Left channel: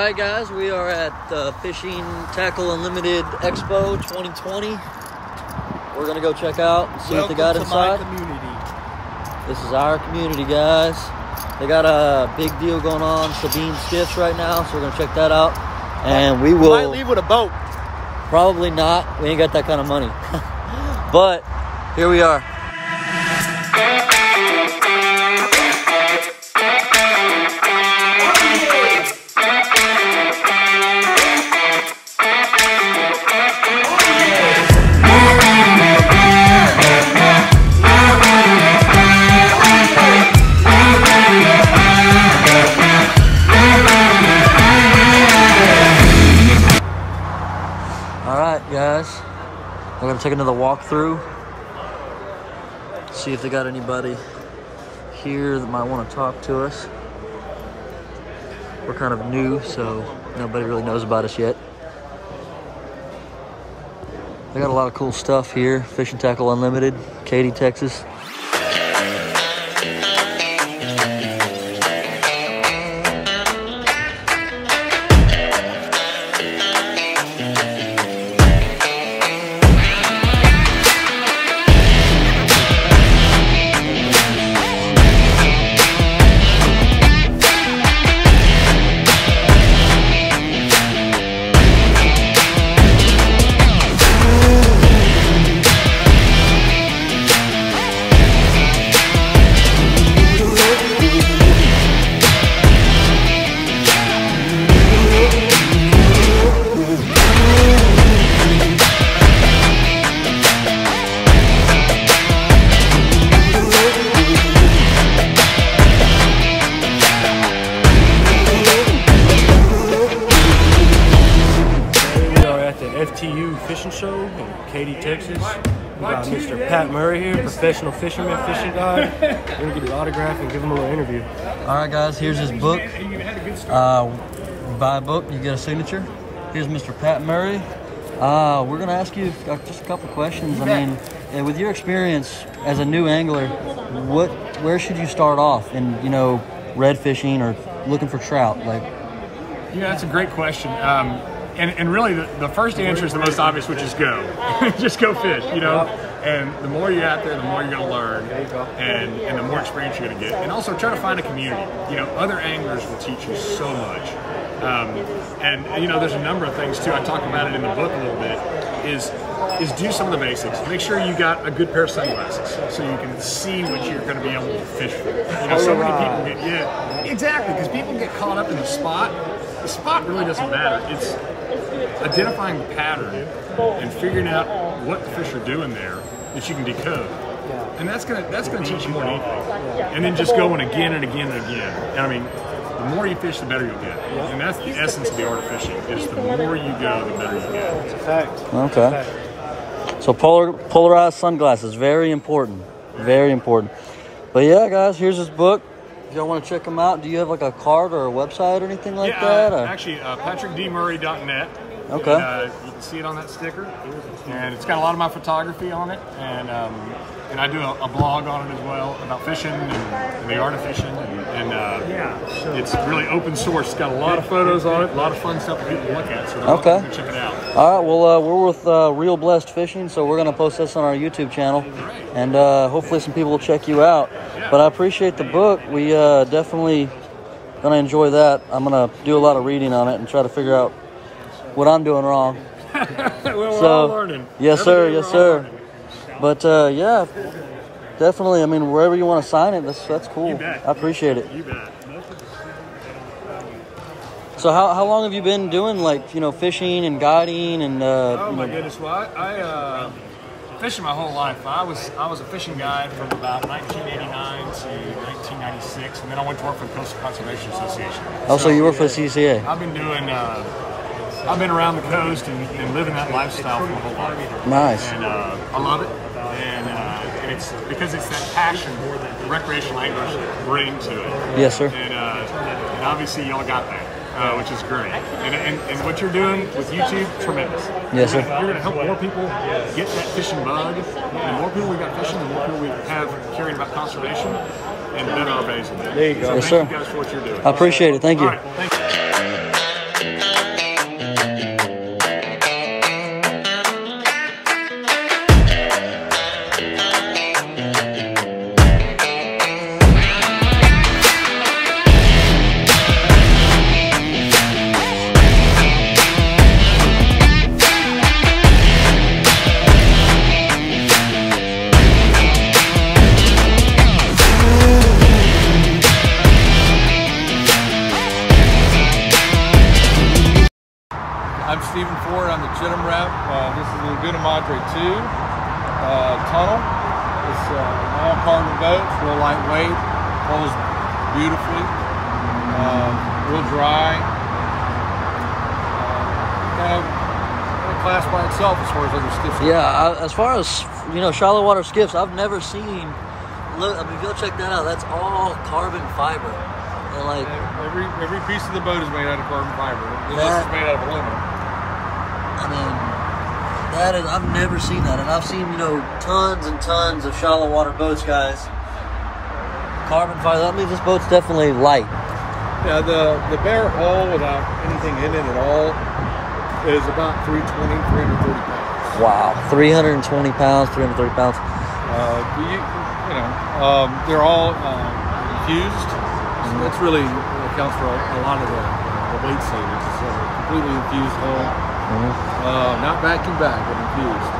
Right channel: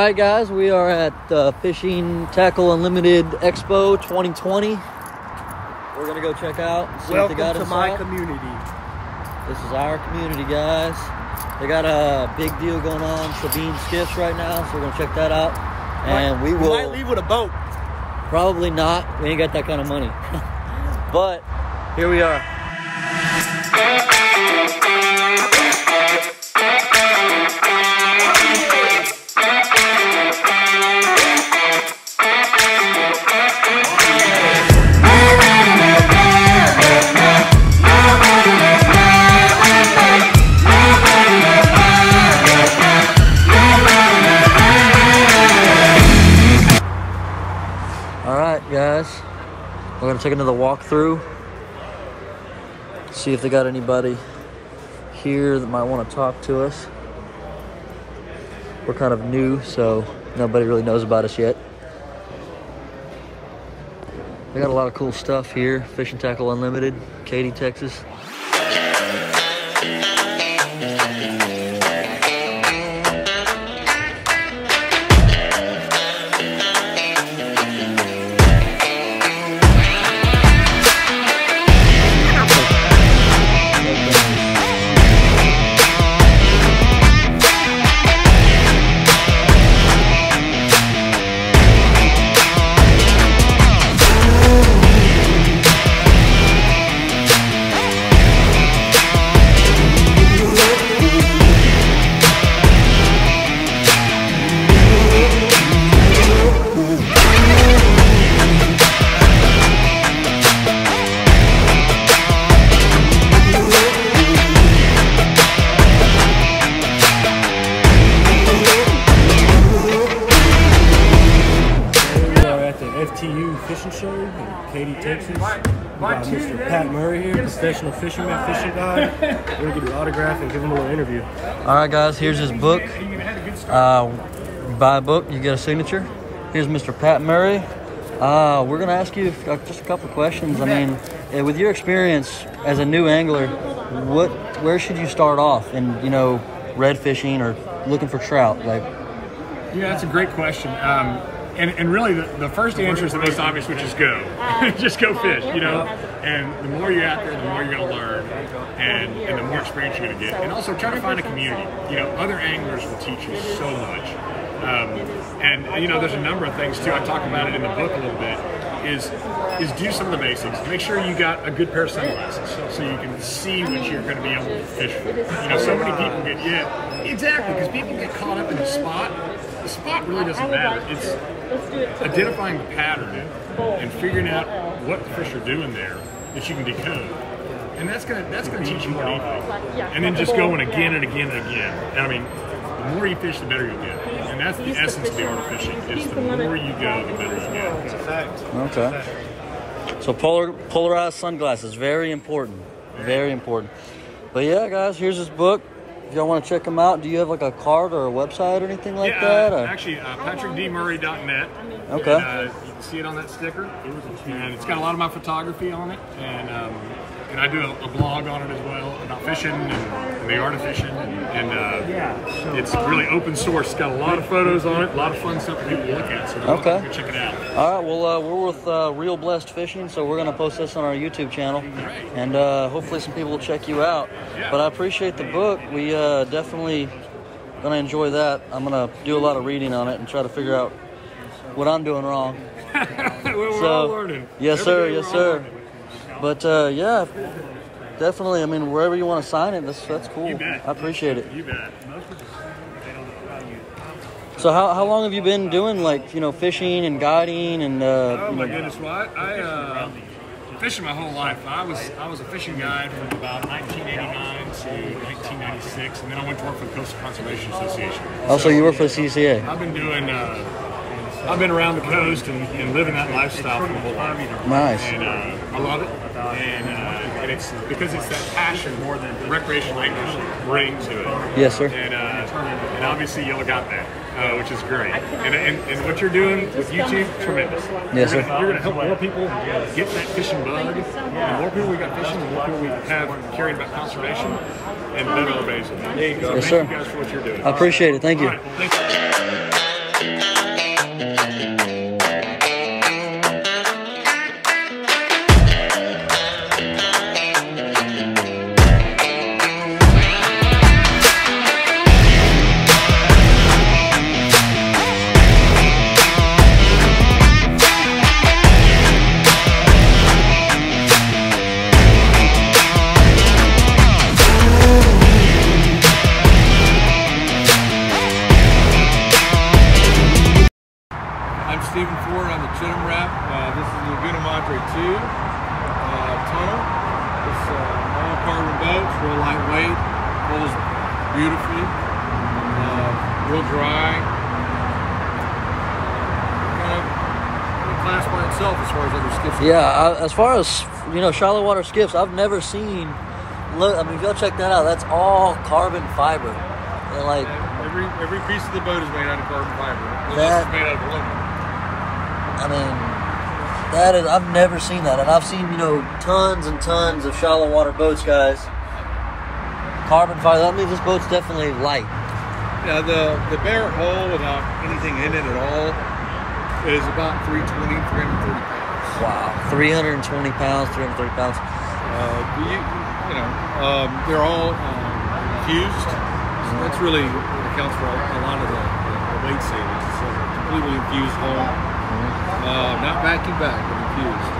Alright guys, we are at Fishing Tackle Unlimited Expo 2020. We're gonna go check out, see what they got inside. Welcome to my community. This is our community, guys. They got a big deal going on, Sabine skiffs right now, so we're gonna check that out. And we might leave with a boat. Probably not. We ain't got that kind of money. But here we are. Alright guys, we're going to take another walk through, see if they got anybody here that might want to talk to us. We're kind of new, so nobody really knows about us yet. They got a lot of cool stuff here. Fishing Tackle Unlimited, Katy, Texas. Fishing show in Katy, Texas. We got Mr. Pat Murray here, professional fisherman, fishing guy. We're gonna get his autograph and give him a little interview. All right, guys, here's his book. You buy a book, you get a signature. Here's Mr. Pat Murray. We're gonna ask you just a couple questions. I mean, with your experience as a new angler, where should you start off in, red fishing or looking for trout? Yeah, that's a great question. And really, the first answer is the most obvious, which is go. Just go fish, And the more you're out there, the more you're going to learn, and the more experience you're going to get. And also try to find a community. Other anglers will teach you so much. There's a number of things too. I talk about it in the book a little bit. Is do some of the basics. Make sure you got a good pair of sunglasses so you can see what you're going to be able to fish for. So many people exactly, because people get caught up in the spot. The spot really doesn't matter. It's identifying the pattern and figuring out what the fish are doing there that you can decode. And that's gonna teach you more than anything. And then just going again and again and again. I mean, the more you fish, the better you'll get. And that's the essence of the art of fishing. Is the more you go, the better you get. Okay. So polarized sunglasses, very important. Very important. But yeah, guys, here's his book. If y'all want to check him out, do you have like a card or a website or anything like that? Actually, patrickdmurray.net. Okay. And, you can see it on that sticker, and it's got a lot of my photography on it, and I do a blog on it as well about fishing and the art of fishing, and it's really open source. It's got a lot of photos on it, a lot of fun stuff for people to look at. So go check it out. All right. Well, we're with Real Blessed Fishing, so we're gonna post this on our YouTube channel, and hopefully some people will check you out. Yeah. But I appreciate the book. We definitely gonna enjoy that. I'm gonna do a lot of reading on it and try to figure out what I'm doing wrong. We're all learning. Yes, sir. Yes, sir. But yeah, definitely. I mean, wherever you want to sign it, that's cool. I appreciate it. You bet. So how long have you been doing fishing and guiding and? Oh my goodness! Well, I fishing my whole life. I was a fishing guide from about 1989 to 1996, and then I went to work for the Coastal Conservation Association. Oh, so you work for the CCA? I've been doing. I've been around the coast and living that lifestyle for my whole life. Nice. And I love it. And it's because it's that passion more than recreational anglers bring to it. Yes, sir. And obviously y'all got that, which is great. And what you're doing with YouTube, tremendous. Yes, sir. You're going to help more people get that fishing bug. The more people we got fishing, the more people we have caring about conservation, and better our basin. There you go. So yes, thank sir. you guys for what you're doing. I appreciate it. Thank you. All right. Thank you. Stephen Ford. I'm the Chidim rep. This is the Laguna Madre 2 tunnel. It's all carbon boat, it's real lightweight, pulls beautifully, real dry. Kind of a class by itself as far as other skiffs. Yeah, as far as, you know, shallow water skiffs, I've never seen, look, I mean, go check that out. That's all carbon fiber. They're like, every piece of the boat is made out of carbon fiber. That- It's made out of aluminum. I mean, that is, I've never seen that. And I've seen, you know, tons and tons of shallow water boats, guys. Carbon fiber, that means this boat's definitely light. Yeah, the bare hull without anything in it at all is about 320, 330 pounds. Wow, 320 pounds, 330 pounds. They're all infused. So that's really accounts for a lot of the weight savings. It's a completely infused hull. Not vacuum back, but infused.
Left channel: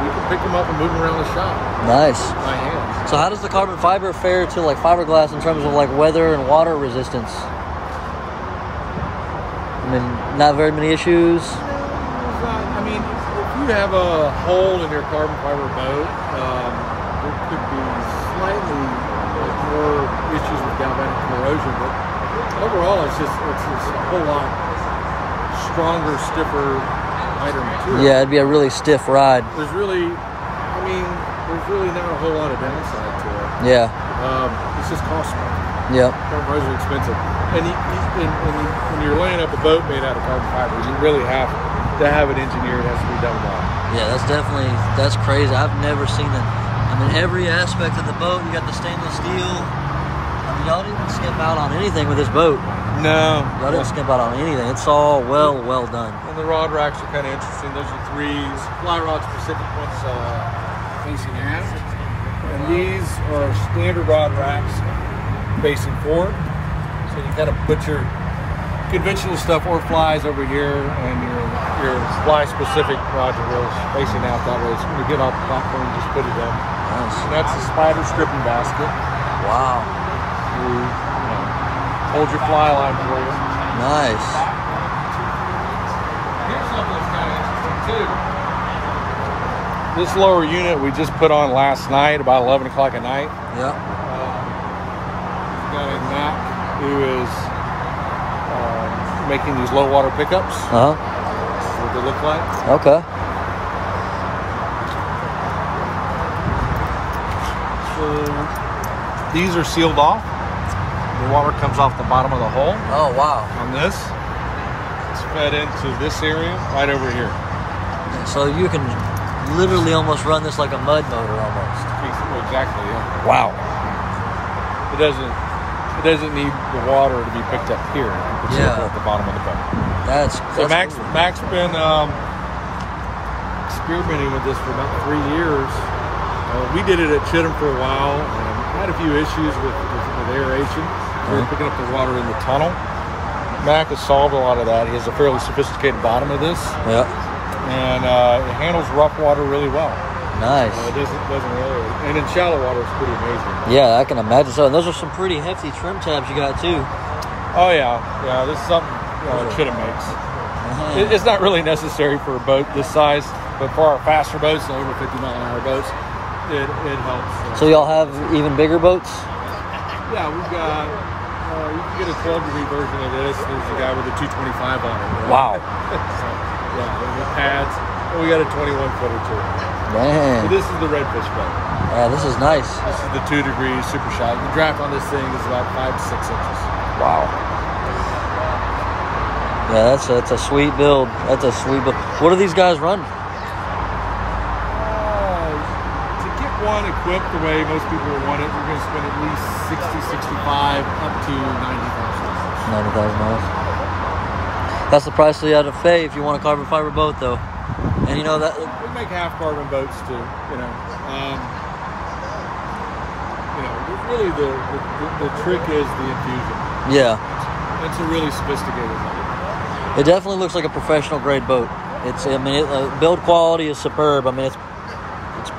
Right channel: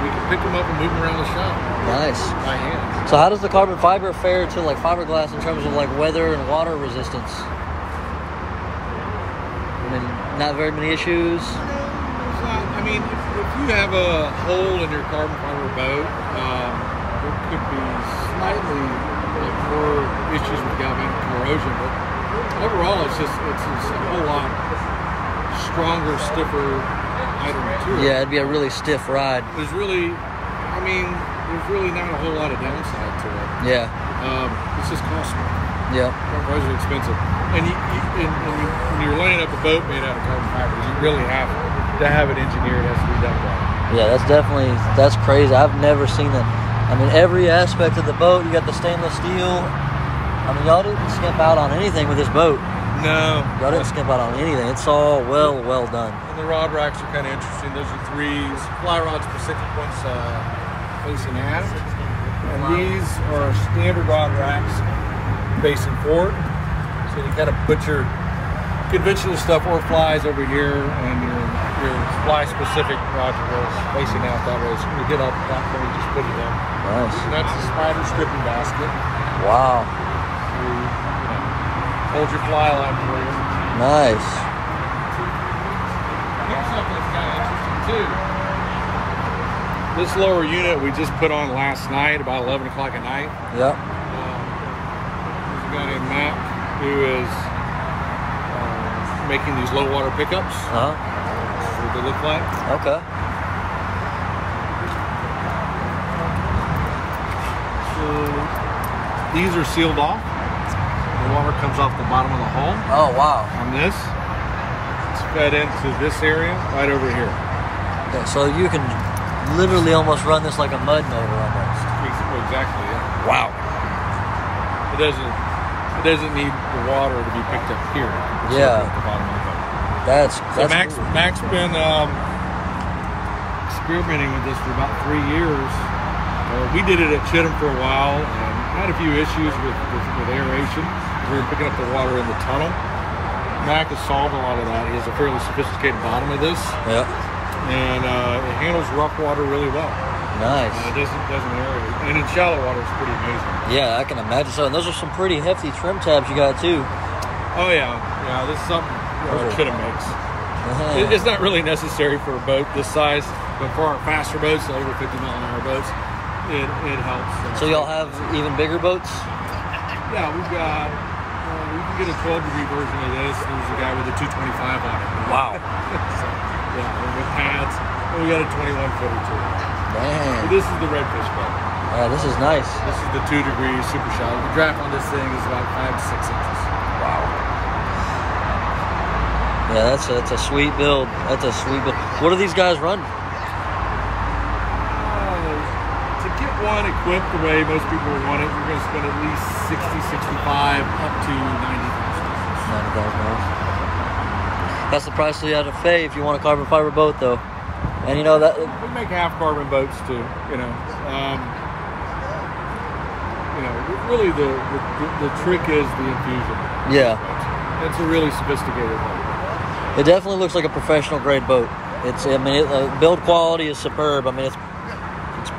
We can pick them up and move them around the shop. Nice. By hand. So how does the carbon fiber fare to like fiberglass in terms of like weather and water resistance? I mean, not very many issues. I mean, if you have a hole in your carbon fiber boat, there could be slightly more issues with galvanic corrosion, but overall, it's a whole lot stronger, stiffer, lighter material. Yeah, it'd be a really stiff ride. There's really not a whole lot of downside to it. Yeah. It's just cost more. Yep. Carbon fiber is expensive, and when you're laying up a boat made out of carbon fiber, you really have to have it engineered. It has to be done well. Yeah, that's crazy. I've never seen that. I mean, every aspect of the boat, you got the stainless steel. I mean, y'all didn't skimp out on anything with this boat. No. Y'all didn't skimp out on anything. It's all well done. And the rod racks are kind of interesting. Those are 3 fly rods, Pacific ones facing aft. And these are standard rod racks facing forward. So you kind of put your conventional stuff or flies over here, and your fly specific modules facing out that way. So when you get off the platform, you just put it up. Nice. And that's the spider stripping basket. Wow. You hold your fly line for you. Nice. This lower unit we just put on last night, about 11 o'clock at night. Yep. We've got a Mac who is making these low water pickups. Uh-huh. That's what they look like. Okay. So these are sealed off. The water comes off the bottom of the hull. Oh, wow. On this, it's fed into this area right over here. Yeah, so you can literally almost run this like a mud motor almost. Exactly. Yeah. Wow. It doesn't need the water to be picked up here. It's Yeah. at the bottom of the boat. That's Mac's been experimenting with this for about 3 years. We did it at Chidim for a while and had a few issues with aeration. We were picking up the water in the tunnel. Mac has solved a lot of that. He has a fairly sophisticated bottom of this. Yeah. And it handles rough water really well. Nice. It doesn't aerate. And in shallow water, it's pretty amazing. Yeah, I can imagine so. And those are some pretty hefty trim tabs you got too. Oh, yeah. Yeah, this is something Chidim makes. Uh-huh. It's not really necessary for a boat this size, but for our faster boats, the over 50-mile-an-hour boats, it helps. So y'all have even bigger boats? Yeah, we've got, you can get a 12-degree version of this. There's a guy with a 225 on it. Wow. So, yeah, and with pads, and we got a 21-footer too. Man. So this is the redfish boat. This is nice. This is the 2-degree super shallow. The draft on this thing is about 5 to 6 inches. Wow. Yeah, that's a sweet build. That's a sweet build. What do these guys run? To get one equipped the way most people want it, you're going to spend at least 60, 65, up to 90,000. 90,000 miles. That's the price you have to pay if you want a carbon fiber boat, though. And you know that we make half carbon boats too. Really the trick is the infusion. Yeah. It's a really sophisticated boat. It definitely looks like a professional grade boat. It's, I mean, build quality is superb. I mean, it's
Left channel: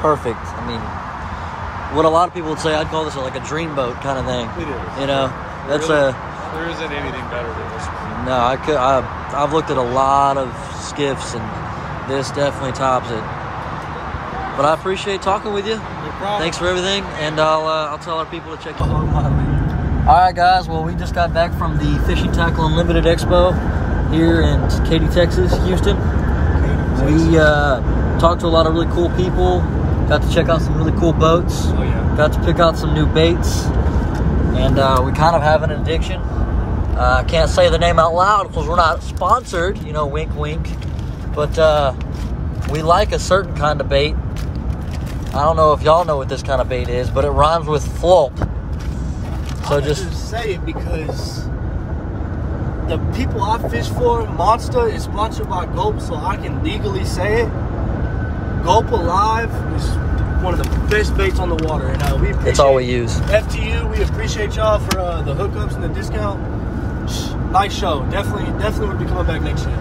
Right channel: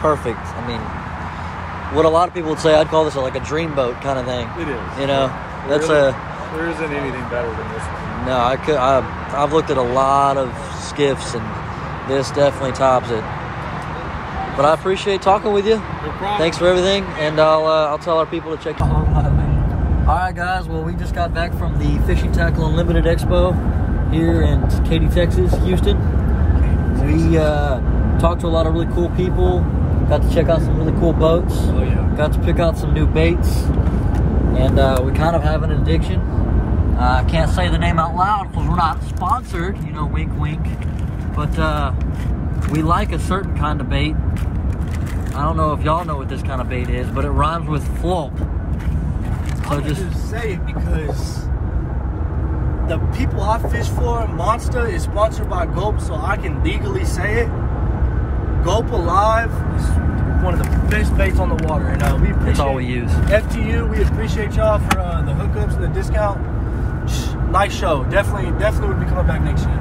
perfect. I mean, what a lot of people would say, I'd call this like a dream boat kind of thing. It is. You know, there isn't anything better than this one. No, I've looked at a lot of skiffs, and this definitely tops it. But I appreciate talking with you. No problem. Thanks for everything, and I'll tell our people to check you out. All right, guys. Well, we just got back from the Fishing Tackle Unlimited Expo here in Katy, Texas, Houston. We talked to a lot of really cool people. Got to check out some really cool boats. Oh yeah. Got to pick out some new baits, and we kind of have an addiction. I can't say the name out loud because we're not sponsored, you know, wink, wink. But we like a certain kind of bait. I don't know if y'all know what this kind of bait is, but it rhymes with flop. So just say it because the people I fish for, Monster is sponsored by Gulp, so I can legally say it. Gulp Alive is one of the best baits on the water, and it's all we use. FTU, we appreciate y'all for the hookups and the discount. Nice show. Definitely would be coming back next year.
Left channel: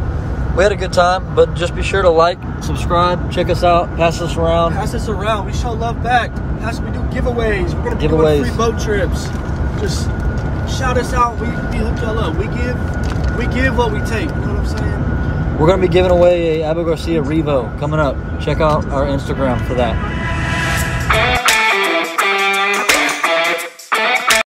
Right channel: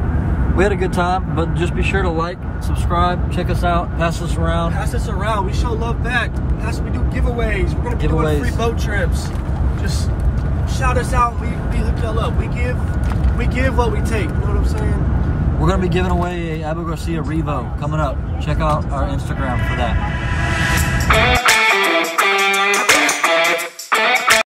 We had a good time, but just be sure to like, subscribe, check us out, pass us around. Pass us around. We show love back. We do giveaways. We're gonna do free boat trips. Just shout us out. We hook y'all up. We give what we take. You know what I'm saying? We're gonna be giving away a Abu Garcia Revo coming up. Check out our Instagram for that.